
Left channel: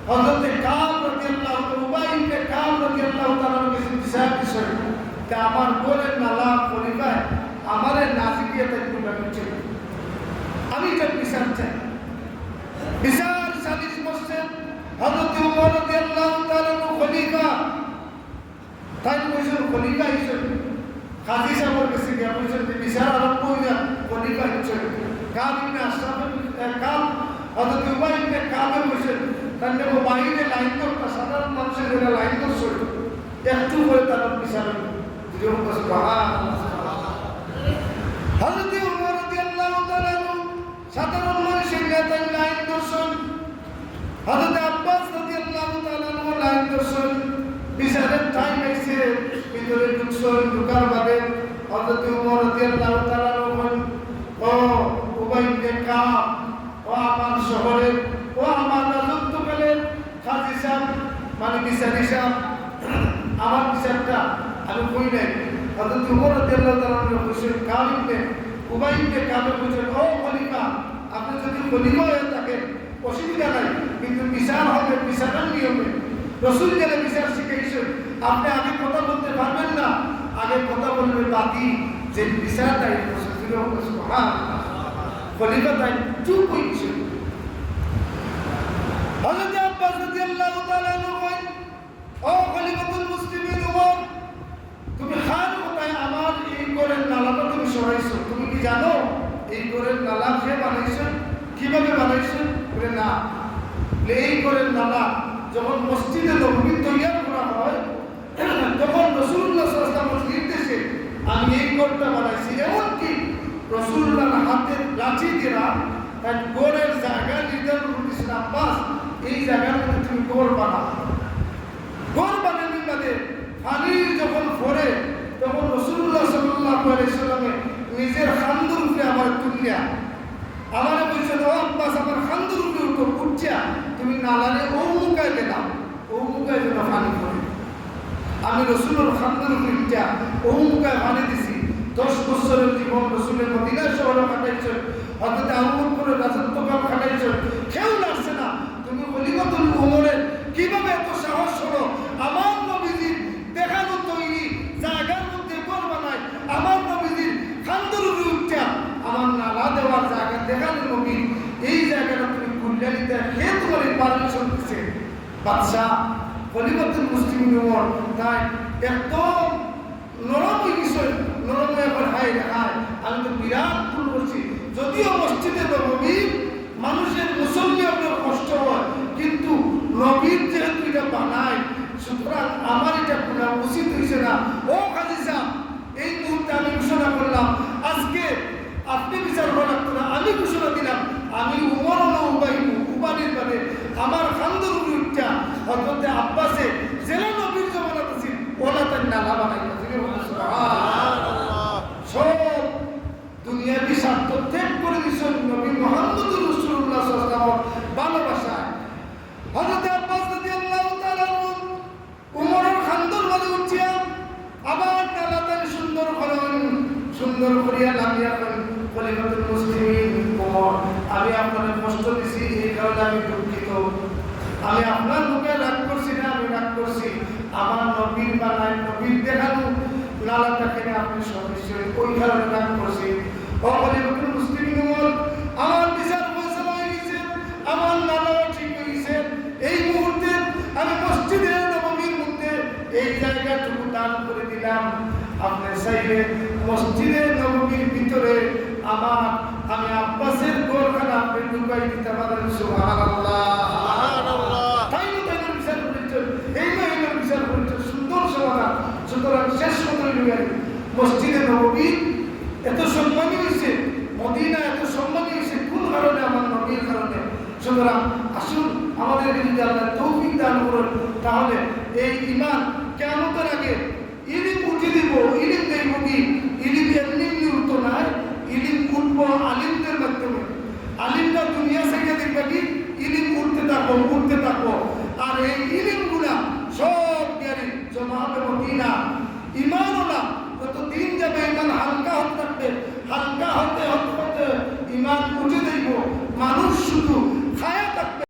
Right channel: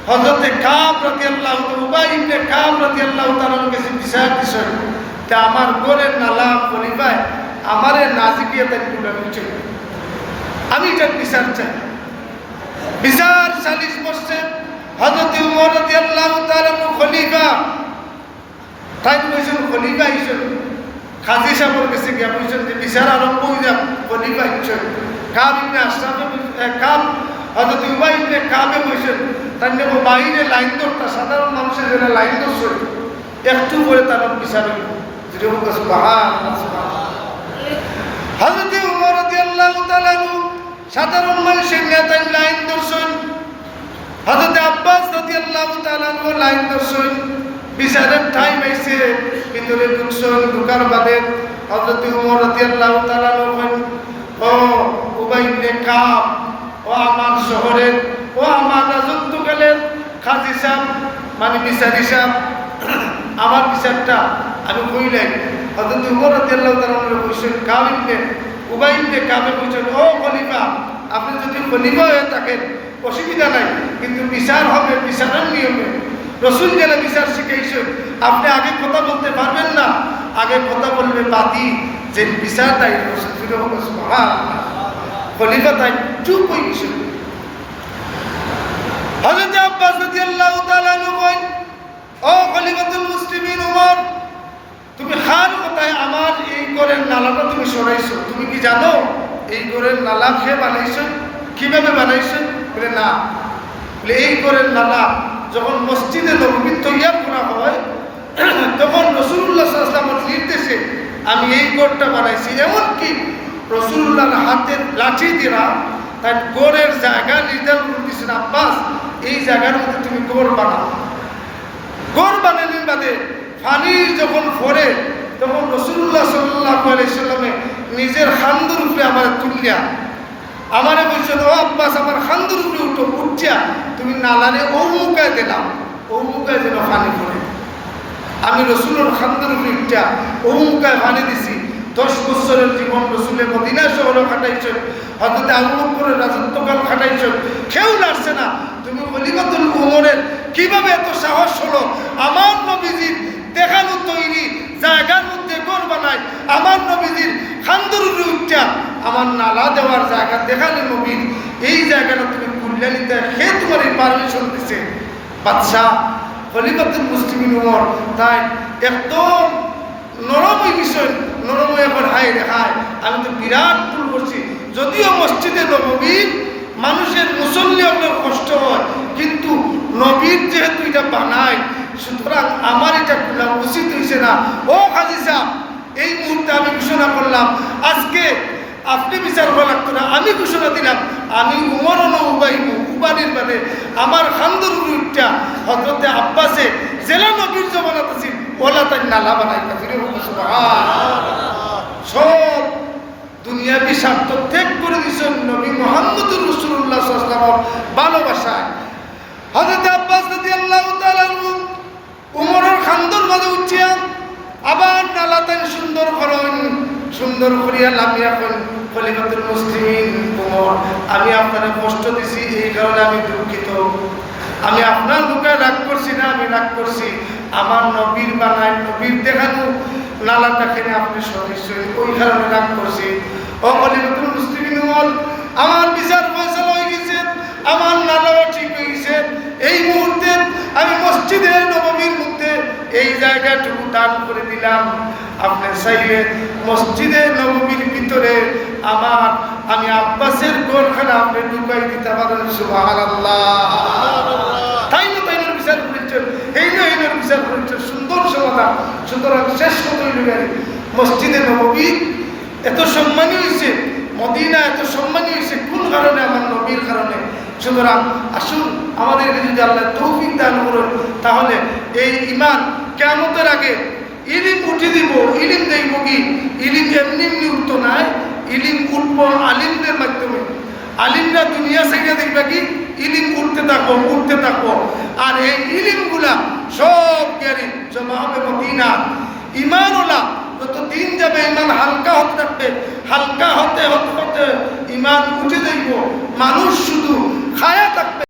হযরতে কাব রাদিয়াল্লাহু তাআলা, উবাই ইবনে কাব রাদিয়াল্লাহু তাআলা কাছে বিচার দিছেন, তা আমার ঘরের নালা খলিফায় আমারে নাজিকিয়া তাই তুলে দিচ্ছে, আমি এটা বিচার চাই। বিচার সালিশ করছে হযরতে ওমর রাদিয়াল্লাহু তাআলা খলিফা, তাই কইছেন খলিফা হিসেবে কাজী সাহেবের কাছে গিয়ে বলছেন যে বিচার আরম্ভ হয়ে যাক, খলিফা হিসেবে কাব ইবনে আশরাফে কাব হযরত উবাই ইবনে কাবে বলছেন, তার নেবো বাইরে লাইন ধরতা, সাধারণ মানুষের জন্য লাইন ধরছে, একটু করে তার বিচার হইল। হযরত ওমর রাদিয়াল্লাহু তাআলা সাধারণ মানুষের নেতা লাইন ধরছেন, হযরত আব্বাস রাদিয়াল্লাহু তাআলা লাইন ধরছেন। বিচারের টাইম আইছে, ভিতরে ঢুকছেন, ঢুকার বাদে হযরত ওমর রাদিয়াল্লাহু তাআলা বলেন, ও উবাই ইবনে কাব, ও আমার শহরের, ও আমার রাজত্বকালের কাজী সাহেব, মানে বিচারি সাহেব, আমার বিচারটা আমি কইলাই। হযরত ওমর রাদিয়াল্লাহু তাআলা কইছেন, কাব ইবনে উবাই ইবনে কাবে কইছেন, ও খলিফা, আপনি যদি খলিফা হয়ে থাকেন অসুবিধা নাই, কিন্তু বিচার হবে বিচারের নিয়মে। রাসূল যেন বিচার শিখাইছেন, আপনি আগে কথা বলতে পারবেন না, আগে কথা বলবে বাদী, যে বিচার তাই খলিফা তাই চুপ হয়ে গেছে। হযরত আব্বাস রাদিয়াল্লাহু তাআলা কইন, ও খলিফাতুল মুসলিমিন ওমর, তুমি খান কোথায় আমার এই ঘরের নালাটা তুমি সরাইছো, তুমি কি জানো এই ঘরের নালা খেয়ে বানাইছো, কিভাবে বানাইছো? বলে না, বলে এই ঘরের নালা যখন মসজিদে নববী তৈয়ার করা হয় তখন রাসূলুল্লাহ সাল্লাল্লাহু আলাইহি ওয়াসাল্লামের নির্দেশে আমি এই ঘরটা বানাইছি। এমনকি রাসূলুল্লাহর হাতের লাঠি দিয়া তার ঘরের জায়গা নির্ধারণ করতেছেন, আব্বাস এই জায়গার মধ্যে তুমি ঘর বানাও। ঘর বানানোর বাদে পানি যখন পড়ে তখন রাসূলুল্লাহ সাল্লাল্লাহু আলাইহি ওয়াসাল্লামে নিজের খান্দুর উপরে আমার তুলিয়া আমারে বলছেন, ও আব্বাস আমার খান্দুর উপরে উঠিয়া তুমি নালারে ও মুখায় দিলাম, ও মুখায় যেন পানি পড়ে। আমি রাসূলের খান্দুর উপরে উঠিয়া ও মুখায় পানি দিছি। 10 বছরের জীবন রাসূলের মদিনা শহরে কাটাইছেন, হযরত আবু বকরের রাজত্বকাল কাটাইছেন, কেউ লাগছে না। তুমি খলিফাতুল ওমরের কিভাবে এত সাহস হলো আমার নবীজির দেখানো তৈরি জায়গার মধ্যে ঘর বানায়, আমার নবীজির খান্দুর উপরে উঠিয়া আমার নালা দেওয়ার জায়গা দেখালে নবীর এই জায়গাটা তুমি খুললে নিতে, সে তোমার এই পারমিশন দিছে। বাদশাহ খলিফাতুল মুসলিমিন ওমর তাই একদম নরম হয়ে গেছেন, নরম হয়ে এখন হায় রে হায়, আমি তো বিরাট ভুল করছি, যদিও মসজিদে নববী মানুষের মুসল্লি আপনার কষ্ট হয়, কিন্তু নবীর যেহেতু এটা বানায়, সুতরাং আমার এটা খোলা উচিত হয়েছে না। ও কাজী সাহেব, এই মুহূর্তে আমি ঘোষণা করলাম, আজকে আপনি বিচার করা লাগতো না, আমি ঘোষণা দিলাম, আমি উমর উবানির মানে আমার খান্দর উঠটা হজরতে আব্বাসে জেলা নবীর জমানাত আছে ওলা তাই নালা বানাই সব দুনিয়াবি স্বার্থ ত্যাগ করে দিয়েছেন নবী মুহাম্মদুর রাসূলুল্লাহ সাল্লাল্লাহু আলাইহি ওয়াসাল্লাম ভালোবাসায়। হযরত আব্বাস রাদিয়াল্লাহু তাআলা উমরের খান্দর মাঝে উঠিয়া আবার নালা তাই সুন্দর করেন, সুন্দর করিয়া লামিয়া করেন, খলিফাতুল মুসলিমিন উমর, আমি আপনার কষ্ট দিছি, এই কারণে আমি দুঃখিত। আমি আপনার মুখে রাগ করছি না, আমি রাগ করছি আমার নবীর বানায় নবীর দেখানো নালাটা খেলে আপনি সদস্য, ওই কারণে রাগ করছি। ও খলিফাতুল মুসলিমিন উমর, আমার বিচার ফয়সালা হয়ে গেছে, আমার নালাও ঠিক হয়ে গেছে। এই মুহূর্তে আমি মসজিদের নববীর মধ্যে এই জায়গাটুকু দান করে দিলাম। আপনি চাইলে মসজিদের নববীর ভিতরে আমি আব্বাসের ঘরখানা আপনি ঢুকাই দিতে পারেন। সুবহানাল্লাহ। তাই না, তাই বিচার করেছেন, এই না বিচার করেছেন, সুন্দর সমাধান। সুতরাং শেষ কথা হইল মসজিদে নববী এত সম্মানী হয়েছে, মদিনা এত সম্মানী হয়েছে কোন কারণে? আমার নবীর কারণে। সুতরাং আসুন আমাদেরকে যদি আল্লাহ তৌফিক দান করেন, তাহলে এই ঈমান কিয়ামতের আগে ইলিম উঠে দিব। ইলিম দেব কি? ইলিম এমনি এমনি উঠতো নাই, ইলিম উঠব আলিমদের মাধ্যমে। আলিমরা দুনিয়া থেকে দেখবে কি ইলিম উঠতে থাকবো। আর এই ইলিমগুলা সব জ্ঞানী জমা হবে মদিনা। ঈমান ওলা যত দিন যাবে ঈমান হালকা হতে থাকবে, হালকা হতে হতে হতে ঈমান উঠে যাইব। মানুষ শুধু খায়া থাকবে।